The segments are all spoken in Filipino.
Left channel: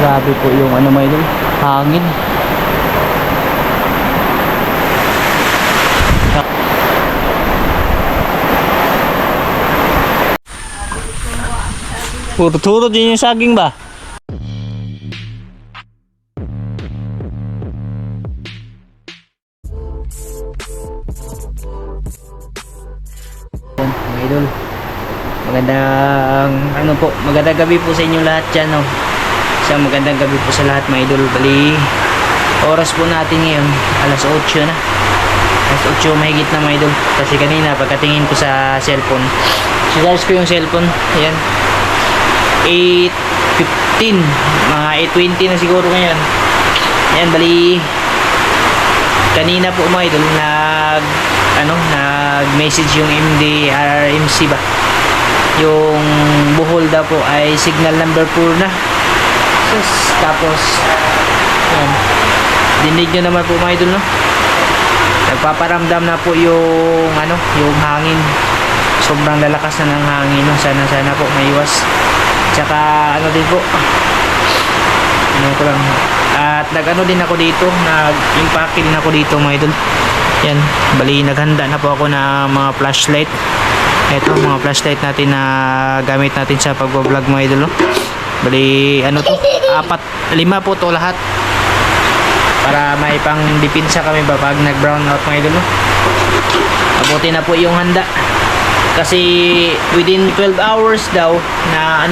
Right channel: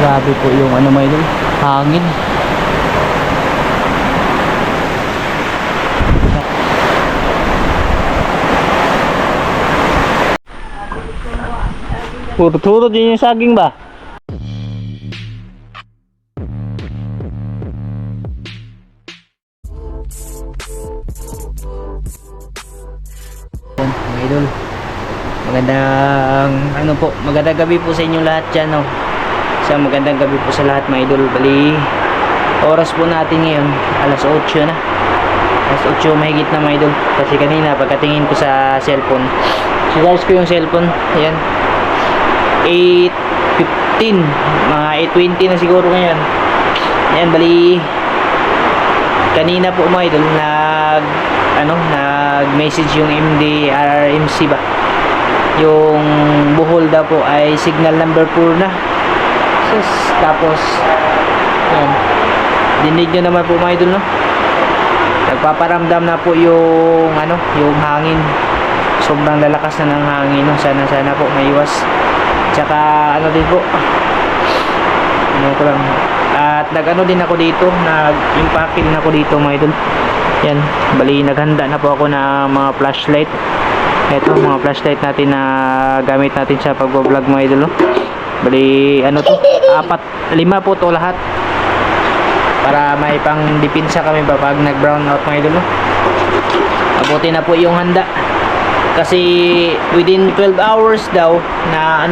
Grabe po yung ano mga idol, hangin. Puro-turo din yung saging ba? Mga idol, magandang gabi po sa inyo lahat dyan, no? Isang magandang gabi po sa lahat mga idol. Bali, oras po natin ngayon alas 8 na, alas 8 mahigit na mga idol. Kasi kanina pagkatingin ko sa cellphone, sinarge ko yung cellphone, ayan, 8:15, mga 8:20 na siguro ngayon. Ayan, bali kanina po mga idol nag-message yung MDRRMC ba, yung Bohol daw po ay signal number 4 na. Tapos yan, dinig nyo naman po mga idol, no? Nagpaparamdam na po yung yung hangin. Sobrang lalakas na ng hangin, no? Sana po maiwas. Tsaka din po, ko lang, at din ako dito, nag-impake din ako dito mga idol. Yan, bali naghanda na po ako ng mga flashlight. Ito mga flashlight natin na gamit natin sa pag-vlog mga idol, no? Bali 5 po to lahat, para may pang depensa kami ba pag nag brown out mga idol, no? Mabuti na po yung handa, kasi within 12 hours daw na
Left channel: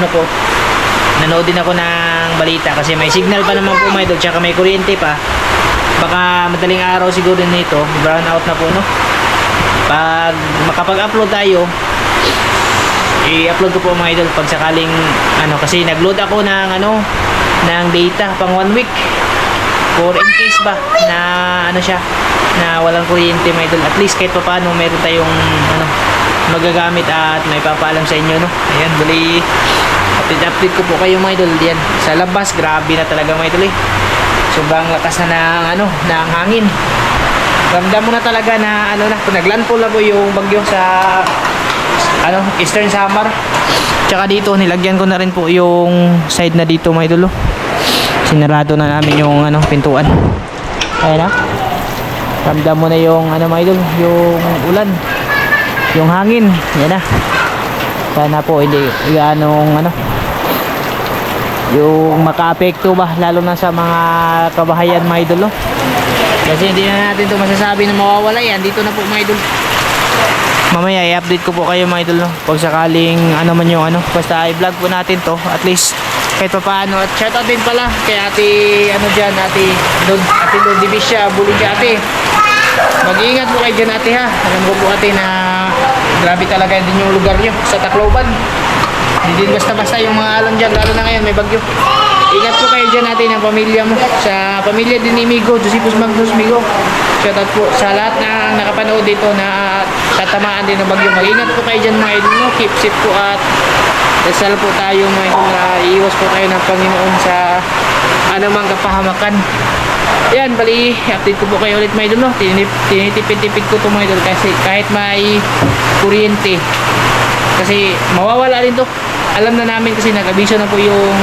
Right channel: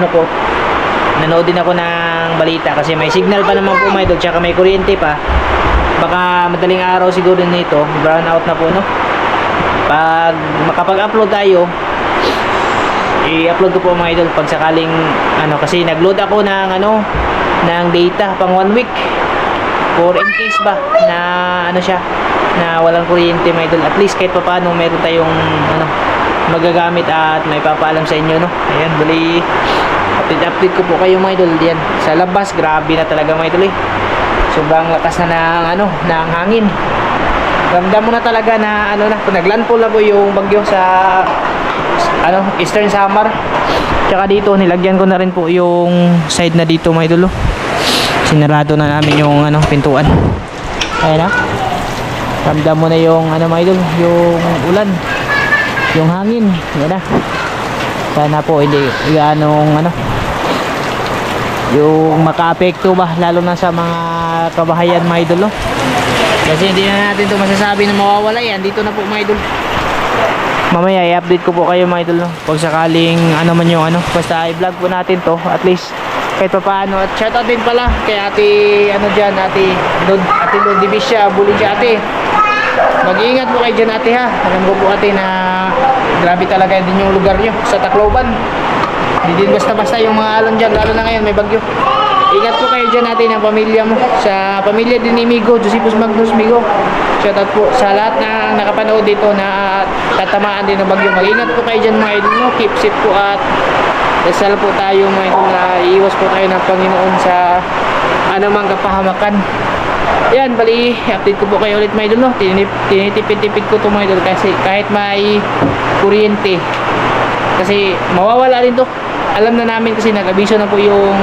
nanood din ako ng balita, kasi may signal pa naman po mga idol, tsaka may kuryente pa. Baka madaling araw siguro nito brown out na po, no? Pag makapag-upload tayo, i-upload ko po mga idol pag sakaling kasi nag-load ako ng ng data pang 1 week, for in case ba na na walang kuryente mga idol. At least kahit pa paano meron tayong magagamit at may papaalam sa inyo, no? Ayan, bali update ko po kayo mga idol. Diyan sa labas, grabe na talaga mga idol, sobrang lakas na ng hangin. Ramdam mo na talaga na kung naglandfall na po yung bagyo sa Eastern Samar. Tsaka dito nilagyan ko na rin po yung side na dito mga idol. Sinarado na namin yung pintuan. Ayan na. Ramdam mo na yung mga idol, yung ulan, yung hangin. Ayan na. Sana po hindi yung maka-apekto ba, lalo na sa mga kabahayan mga idol, no? Kasi hindi na natin ito masasabi na mawawala yan. Dito na po mga idol. Mamaya i-update ko po kayo mga idol, no? Pag sakaling man yung basta i-vlog po natin to, at least kahit pa paano. At shoutout din pala kay ate ate Lord Divisya Buliga ate. Mag-iingat po kayo dyan ate, ha. Alam ko po ate na grabe talaga din yung lugar nyo sa Tacloban. Hindi din basta-basta yung mga alon dyan, lalo na ngayon may bagyo. Ingat po kayo dyan natin ang pamilya mo, sa pamilya din ni Migo, Josephus Magnus Migo. Shoutout po sa lahat na nakapanood dito na tatamaan din ng bagyo. Mag-ingat po kayo dyan mga idol, no? Keep safe po, at dasal po tayo mga idol na iiwas po tayo ng Panginoon sa anumang kapahamakan. Yan, bali update ko po kayo ulit mga idol, no? Tinitipid-tipid ko to mga idol, kasi kahit may kuryente, kasi mawawala din to. Alam na namin kasi nag-abiso na po yung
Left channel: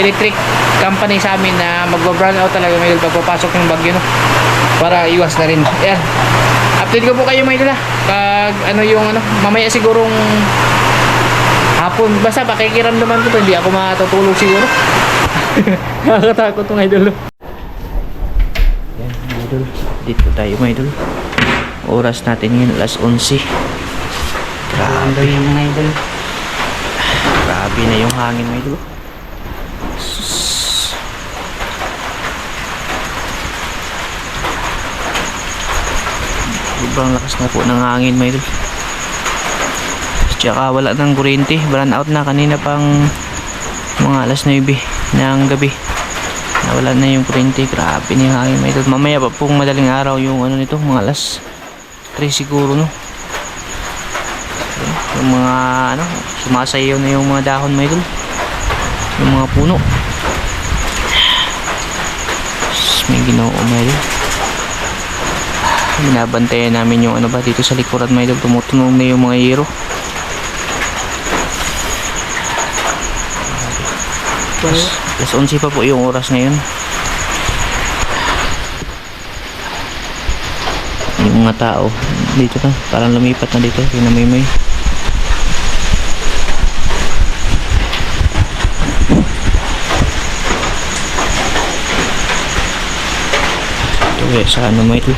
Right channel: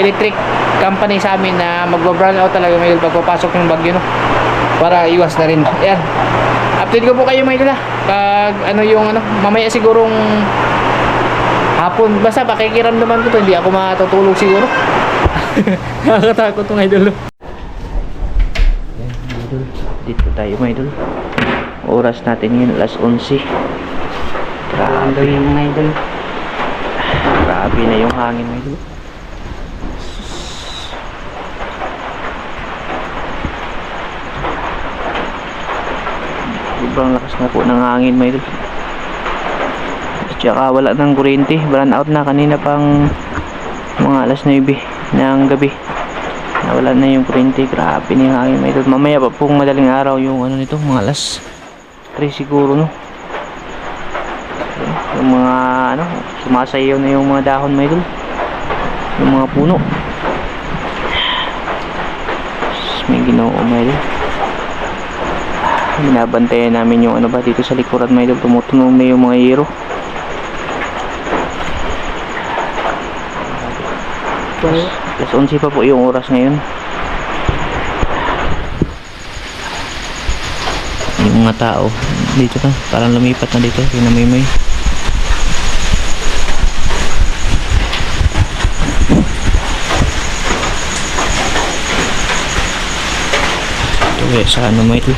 electric company sa amin na mag-brown out talaga mga idol pagpapasok ng bagyo, no? Para iwas na rin. Ayan, update ko po kayo mga idol, ha? Pag mamaya sigurong hapon, basta pakikiramdaman ko to, hindi ako matutulog siguro. Nakakatakot mga idol. Ayan mga idol, dito tayo mga idol. Oras natin ngayon alas 11. Grabe yung mga idol, grabe na yung hangin mga idol. Sobrang lakas na po ng hangin mga idol. Tsaka wala ng kuryente, brown out na kanina pang mga alas 9 ng gabi. Nawala na yung kuryente. Grabe na yung hangin mga idol. Mamaya pa pong madaling araw yung nito, mga alas 3 siguro, no? Yung mga sumasayaw na yung mga dahon mga idol, yung mga puno. May Ginoo mga idol. Binabantayan namin yung dito sa likuran mga idol. Tumutunog na yung mga yero. Alas 11 pa po yung oras ngayon. Yung mga tao dito na, parang lumipat na dito. Pinamimay. Ito sa ano mo ito,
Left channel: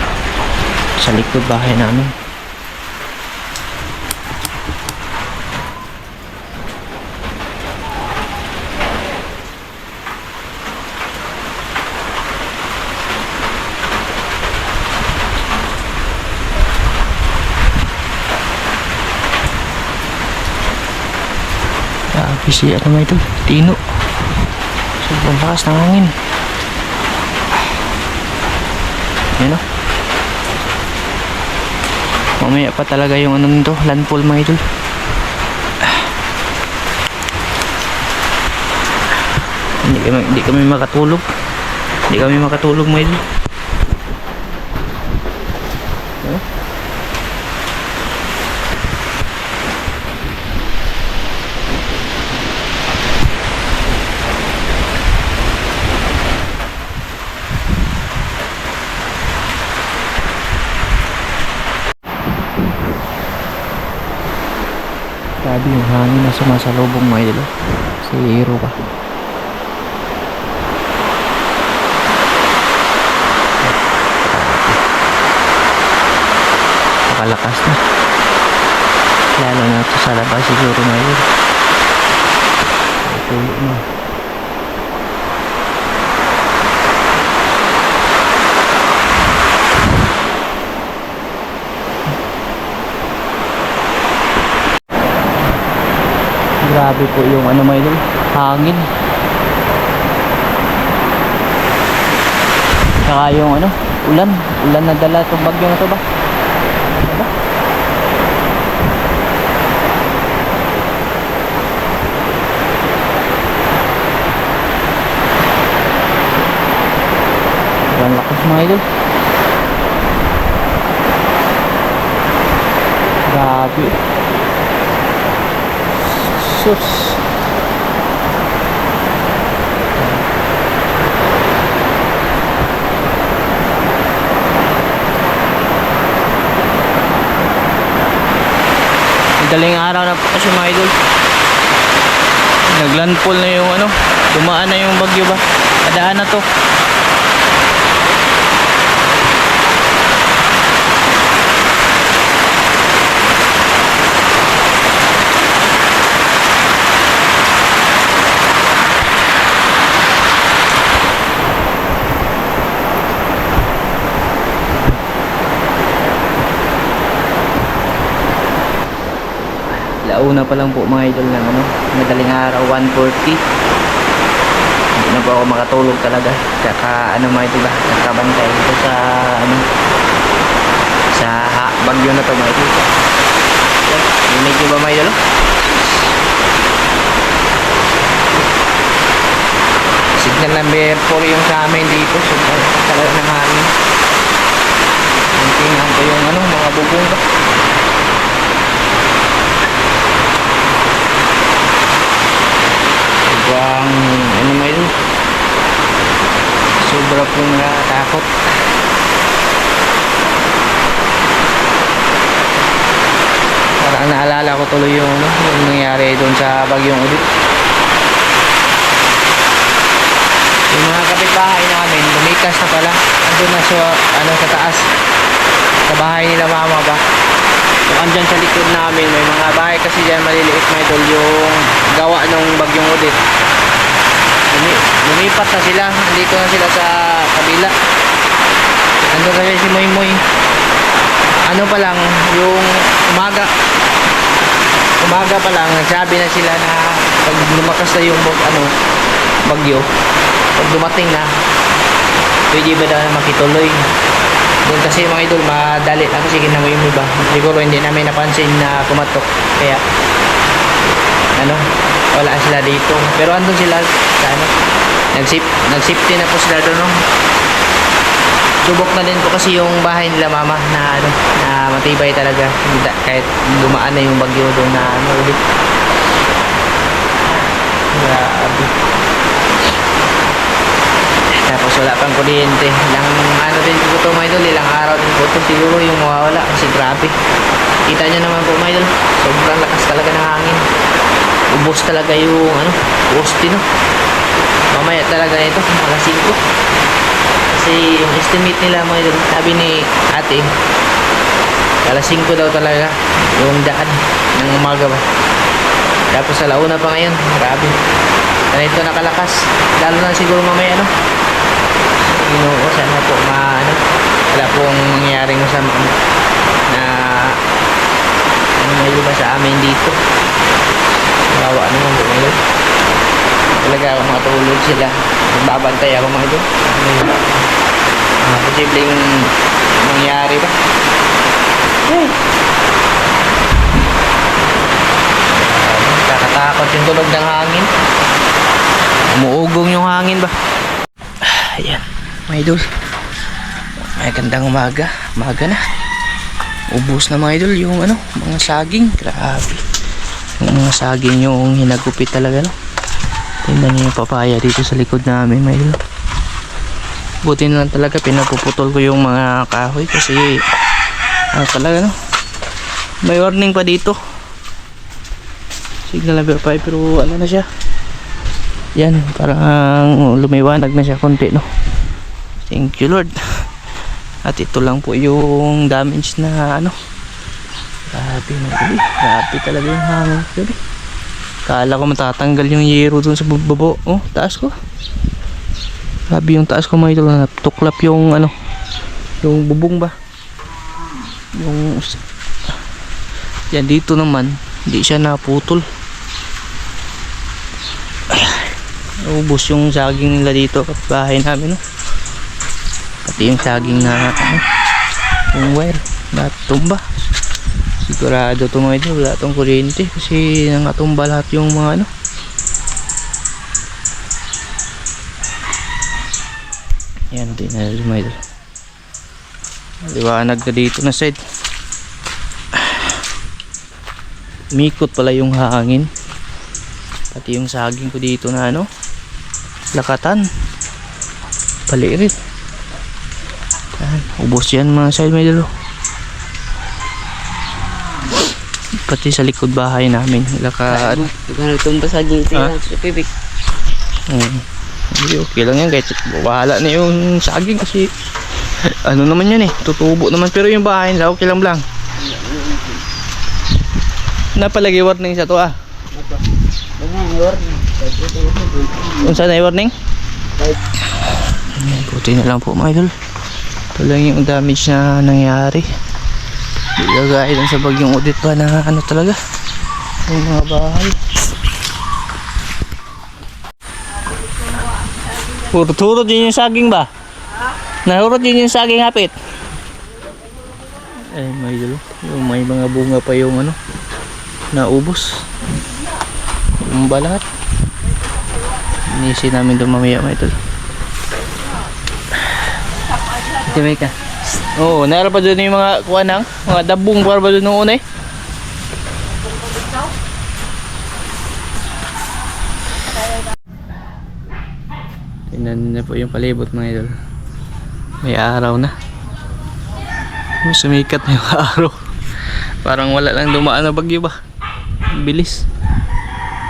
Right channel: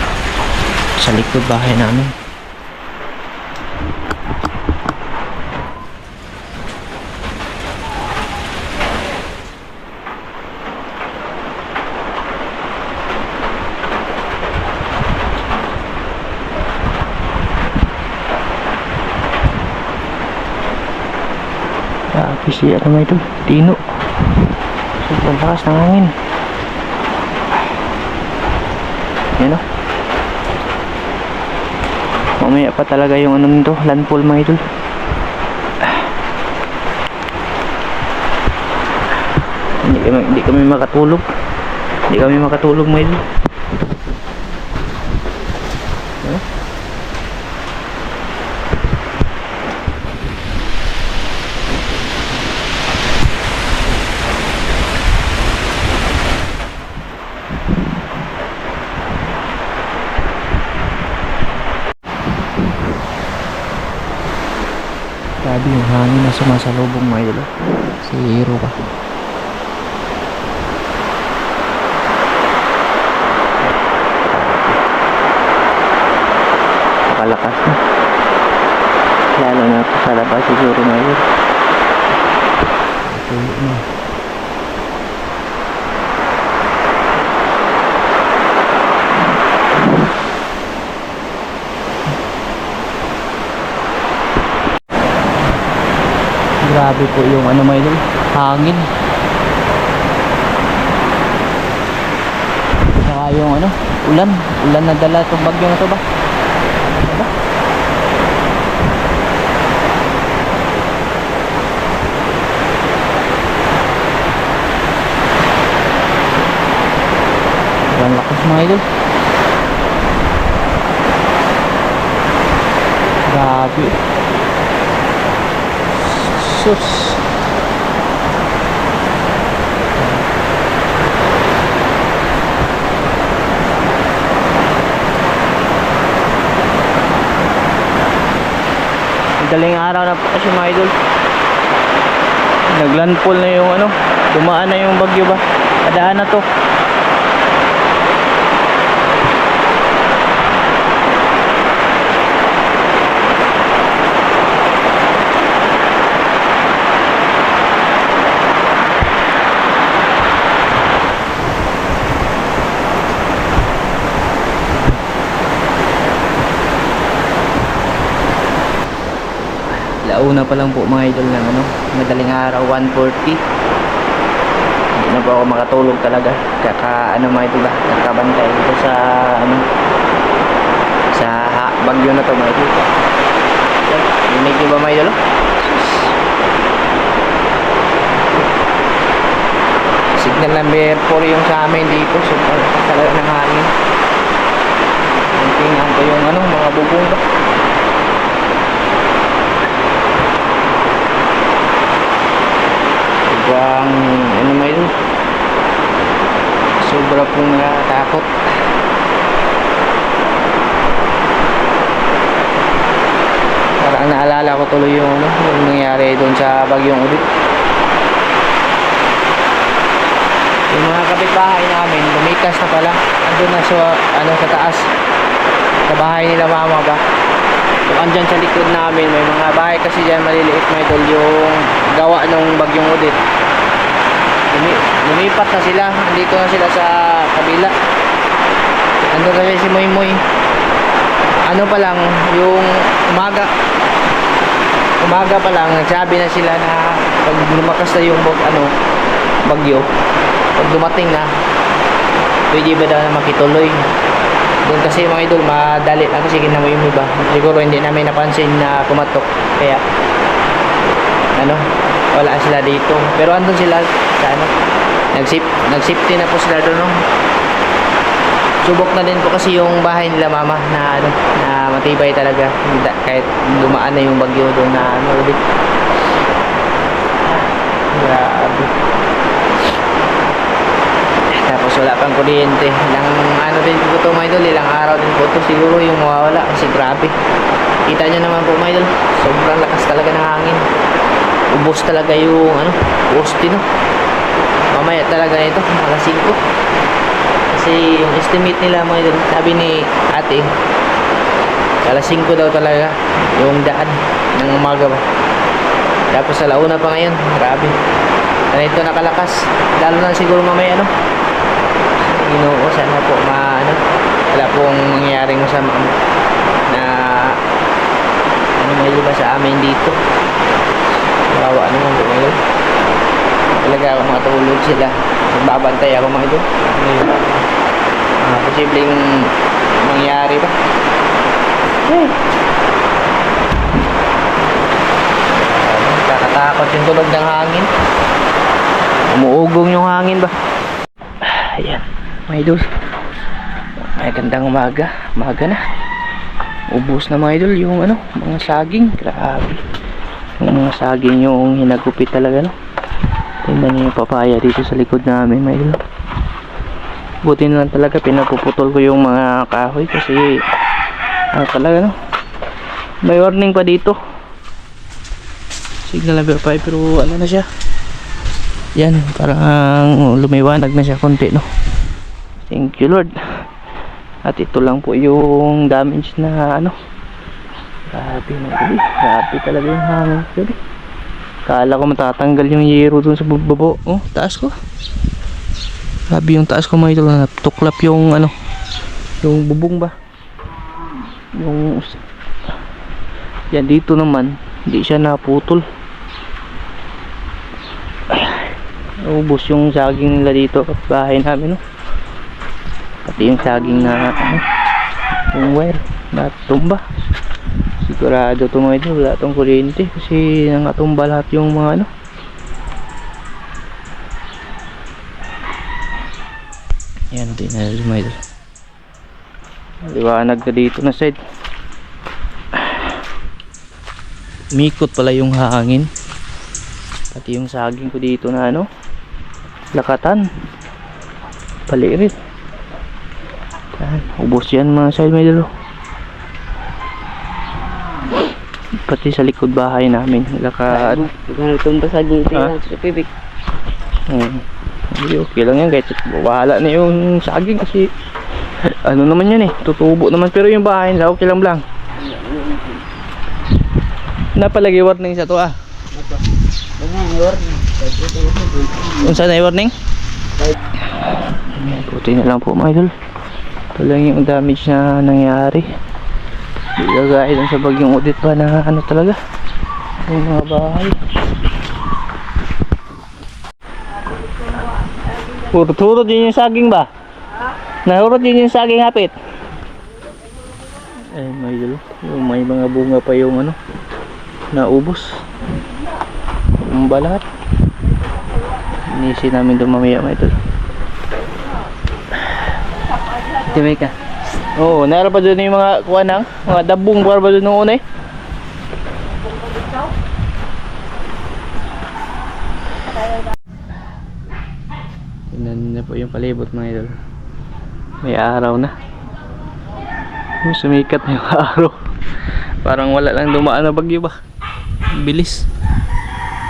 sa likod bahay namin. Si ano mo ito, Tino. Sobrang lakas ng hangin. Yan o. Mamaya pa talaga yung ano nito, landfall mga idol. Hindi kami makatulog. Hindi kami makatulog mga idol. Grabe yung hangin na sumasalubong mga idol. Si Hero pa. Nakalakas na. Lalo na ito sa labas siguro mga idol. Tulog na. Grabe po yung ano mga idol, hangin. Saka yung ano, ulan na dala itong bagyo na ito ba? Diba? Ang lakas mga idol. Grabe. Sus. Daling araw na po kasi mga idol. Naglandfall na yung ano, dumaan na yung bagyo ba? Padaan na to. Launa pa lang po mga idol ng ano, madaling araw, 1:40. Hindi na po ako makatulog talaga. Kaka ano mga idol ba, nakabantay dito sa ano, sa bagyo na to mga idol. Rinig nyo ba mga idol? Signal number 4 yung sa amin dito. So talaga ng hangin. Tingnan ko yung ano, mga bubong ba. Sobrang ano may ito, sobra pong nakatakot. Parang naalala ko tuloy yung ano, yung nangyari doon sa bagyong Udit. Yung mga kapitbahay namin lumikas na pala, andun na sa ano, sa taas sa bahay nila mama ba. So andyan sa likod namin may mga bahay kasi dyan maliliit mga idol, yung gawa nung bagyong Udit. Lumipat na sila, andito na sila sa kabila. Andun kasi si Moy Moy. Ano pa lang, yung umaga pa lang nagsabi na sila na pag lumakas na yung bagyo, pag dumating na pwede ba daw na makituloy. Doon kasi mga idol madali lang kasi kinamoy mo ba, siguro hindi namin napansin na kumatok, kaya ano, wala sila dito, pero andun sila sa ano, nagsafety na po sila doon, no? Subok na din po kasi yung bahay nila mama na ano, na matibay talaga kahit dumaan na yung bagyo doon na ano ulit. Grabe. wala pang kuryente. Ilang ano din po ito mga idol, ilang araw din po ito siguro yung mawawala kasi grabe. Kita nyo naman po mga idol, sobrang lakas talaga ng hangin. Ubos talaga yung ano, poste no. Mamaya talaga ito, alas 5. Kasi yung estimate nila mga idol, sabi ni ate, alas 5 daw talaga yung daan ng umaga ba. Tapos sa launa pa ngayon, grabe. Ganito nakalakas, lalo na siguro mamaya no. Ginoo, sana po ano, wala pong mangyayaring masama na ano may iba sa amin dito. Kawawa naman po ngayon. Talaga ako makatulog sila, magbabantay ako mga ito. Posibleng mangyari ba? Kakatakot yung tunog ng hangin. Umuugong yung hangin ba? Ayan, mga idol. Ay, gandang umaga. Umaga na. Ubus na mga idol yung ano, mga saging. Grabe. Yung mga saging yung hinagupit talaga no. Tingnan nyo yung papaya dito sa likod namin mga idol. Buti na lang talaga pinapuputol ko yung mga kahoy kasi ano talaga no. May warning pa dito. Signal number 5 pero ano na siya. Yan, parang lumiwanag na siya konti no. Thank you Lord. At ito lang po yung damage na ano. Grabe na gabi. Grabe talaga yung hangin gabi. Kala ko matatanggal yung yero dun sa babo. Oh, taas ko. Grabe yung taas ko mga ito. Tuklap yung ano. Yung bubong ba. Yung yan dito naman. Hindi siya naputol. Ubos yung saging nila dito at bahay namin no. Pati yung saging na ano, yung wire natumba. Sigurado ito mga ito wala itong kuryente kasi nangatumba lahat yung mga ano. Yan din na mga ito. Liwanag na dito na side. Mikot pala yung hangin. Pati yung saging ko dito na ano lakatan palirit. Ubos yan mga side may dalo. Pati sa likod bahay namin laka tumba saging sa pipik. Hindi okay lang yan kahit bahala na yung saging kasi ano naman yan tutubo naman pero yung bahay nila okay lang lang. Napalagi warning sa to Unsa na warning? Buti na lang po mga idol. Ito lang yung damage na nangyari. Hindi gagaya lang sa bagyong Odette pa na ano talaga yung mga bahay. Hurot-hurot din yung saging ba? Nahurot din yung saging hapit. Eh mga idol, yung may mga bunga pa yung ano naubos. Yung balat inisi namin doon mamaya mga idol. Timay ka. Oo, naroon pa doon yung mga kuha ng mga dabong para ba doon nung una Tingnan na po yung palibot mga idol. May araw na. Sumikat na yung araw. Parang wala lang dumaan na bagyo ba. Bilis.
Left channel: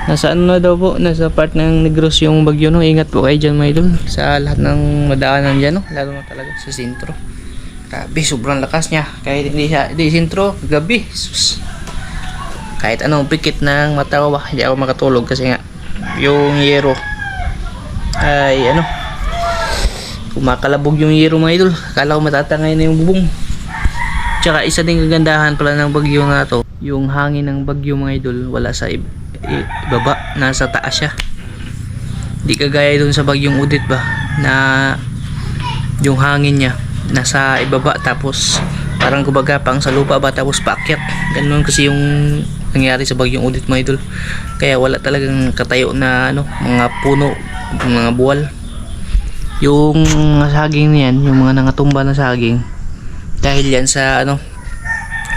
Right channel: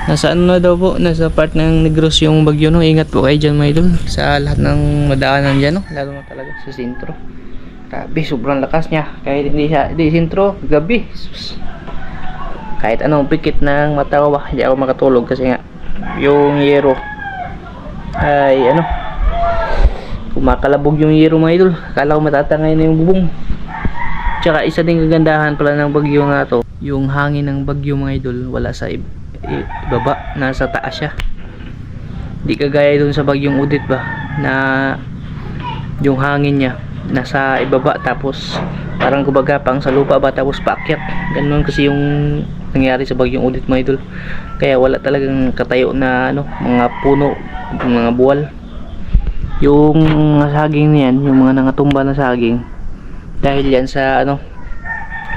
Nasa ano na daw po, nasa part ng Negros yung bagyo no. Ingat po kayo dyan mga idol sa lahat ng madaanan dyan no. Lalo na talaga sa sentro. Grabe, sobrang lakas niya. Kahit hindi siya, hindi sentro, gabi. Sus. Kahit anong pikit ng matawa, hindi ako makatulog kasi nga yung yero ay ano, kumakalabog yung yero mga idol. Akala ko matatangay na yung bubong. Tsaka isa ding kagandahan pala ng bagyo nga to, yung hangin ng bagyo mga idol wala sa ibaba, nasa taas siya. Di kagaya dun sa bagyong Odette ba na yung hangin niya nasa ibaba tapos parang kumbaga pang sa lupa ba tapos paakyat. Ganun kasi yung nangyari sa bagyong Odette mga idol. Kaya wala talagang katayo na ano, mga puno, mga buwal. Yung saging niyan, yung mga nangatumba na saging dahil yan sa ano,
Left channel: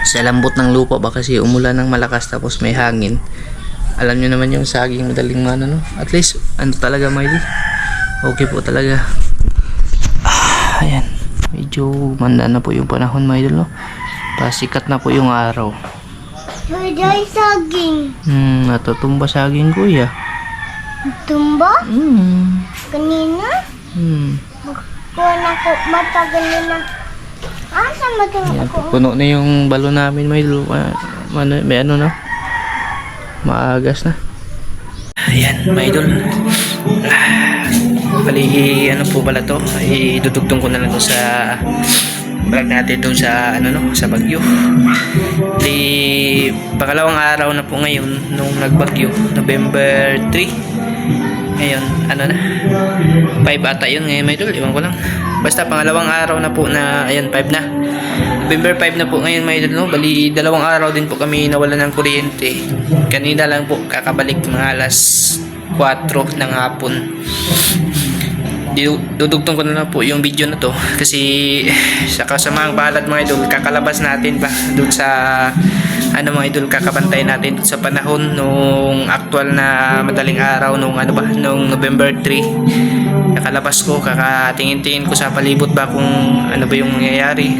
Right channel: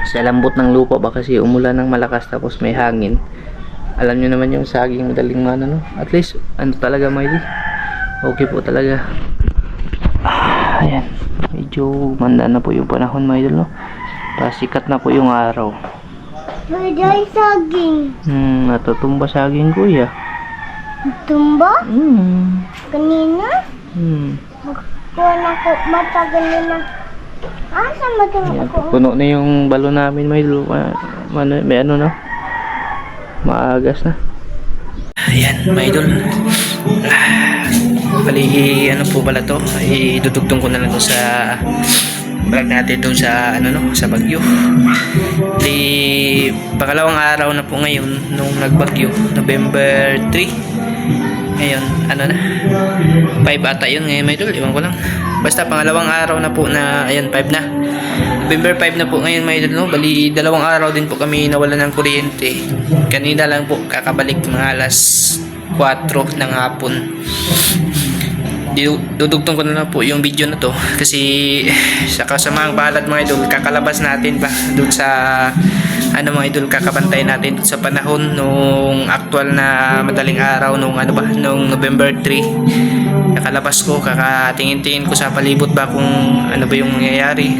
sa lambot ng lupa ba kasi umulan ng malakas tapos may hangin. Alam nyo naman yung saging madaling mana no. At least ano talaga mga idol, okay po talaga. Ayan. Medyo manda na po yung panahon mga idol, no? Pasikat na po yung araw. Pwede saging. Natutumba saging kuya. Tumba? Kanina? Hmm. Kuha na ko matagal na. Saan matulog Ayan, ako? puno na yung balo namin may idol. May ano na. Maagas na. Ayan, mga idol. Bali, ano po pala to? Idudugtong ko na lang to sa vlog natin doon sa ano no, sa Bagyo. Bali, pangalawang araw na po ngayon nung nagbagyo, November 3. Ngayon, ano na? 5 ata yun ngayon, mga idol. Iwan ko lang. Basta pangalawang araw na po na, ayan, 5 na. November 5 na po ngayon, mga idol, no? Bali, dalawang araw din po kami nawalan ng kuryente. Kanina lang po kakabalik mga alas 4 ng hapon. Dudugtong ko na lang po yung video na to kasi sa kasamang balat mga idol, kakalabas natin pa doon sa ano mga idol, kakabantay natin sa panahon nung actual na madaling araw nung ano ba, nung November 3. Kakalabas ko, kakatingin-tingin ko sa palibot ba kung ano ba yung nangyayari.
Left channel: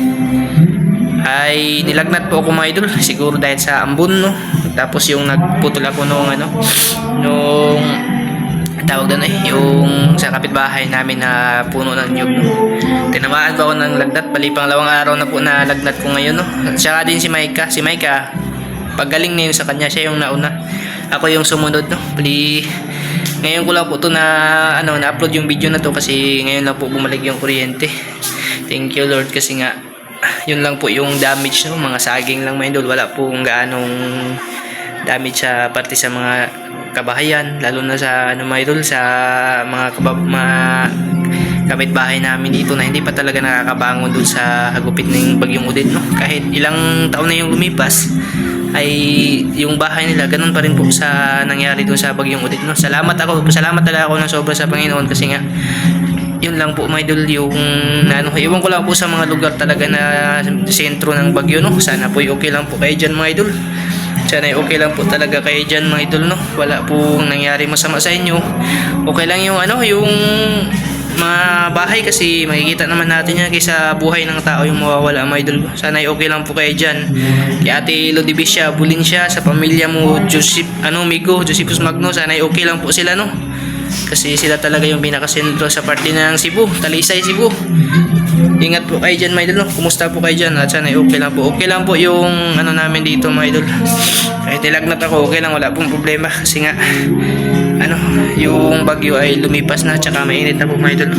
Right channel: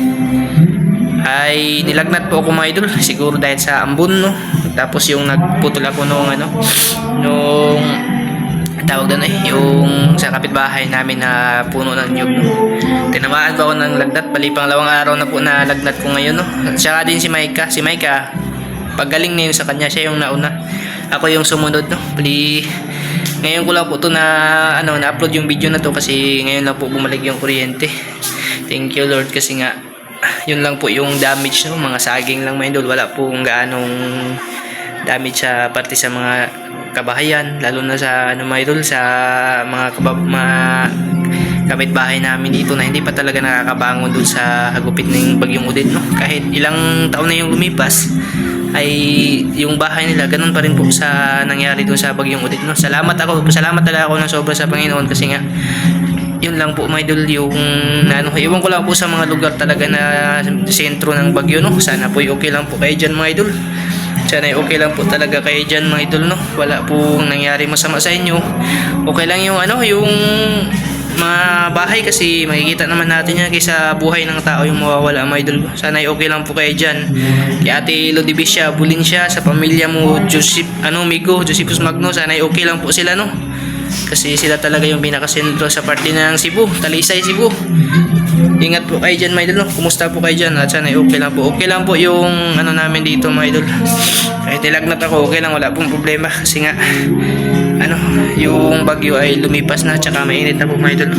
Ay nilagnat po ako mga idol, siguro dahil sa ambon, no. Tapos yung nagputol ako nung ano, nung tawag doon yung sa kapitbahay namin na puno ng nyug, no. Tinamaan ba ako ng lagnat, bali pangalawang araw na po na lagnat ko ngayon, no. At saka din si Maika, paggaling na yun sa kanya, siya yung nauna, ako yung sumunod, no. Bali ngayon ko lang po to na ano, na-upload yung video na to kasi ngayon lang po bumalik yung kuryente. Thank you Lord, kasi nga yun lang po yung damage, no, mga saging lang mga idol, wala pong gaanong damage sa parte sa mga kabahayan, lalo na sa ano mga idol, sa mga kapitbahay namin dito na hindi pa talaga nakakabangon doon sa hagupit ng bagyong Odette, no. Kahit ilang taon na yung lumipas ay yung bahay nila ganun pa rin po sa nangyari doon sa bagyong Odette, no. Salamat talaga ako ng sobra sa Panginoon kasi nga yun lang po mga idol yung ano, iwan ko lang po sa mga lugar talaga na sentro ng bagyo, no. Sana po okay lang po kayo dyan mga idol. Sana okay lang po talaga kayo dyan mga idol, no. Wala pong nangyari masama sa inyo. Okay lang yung ano, yung mga bahay kasi makikita naman natin yan kaysa buhay ng tao yung mawawala mga idol. Sana okay lang po kayo dyan. Kay Ate Lodibisha, bulin siya sa pamilya mo, Migo, Josephus Magno, sana okay lang po sila, no. Kasi sila talaga yung pinakasentro sa parte ng Cebu, Talisay, Cebu. Ingat po kayo dyan mga idol, no? Kumusta po kayo dyan? At sana okay lang po. Okay lang po yung ano namin dito mga idol. Kahit nilagnat ako, okay lang, wala pong problema. Kasi nga ano, yung bagyo ay lumipas na, tsaka mainit na po mga idol.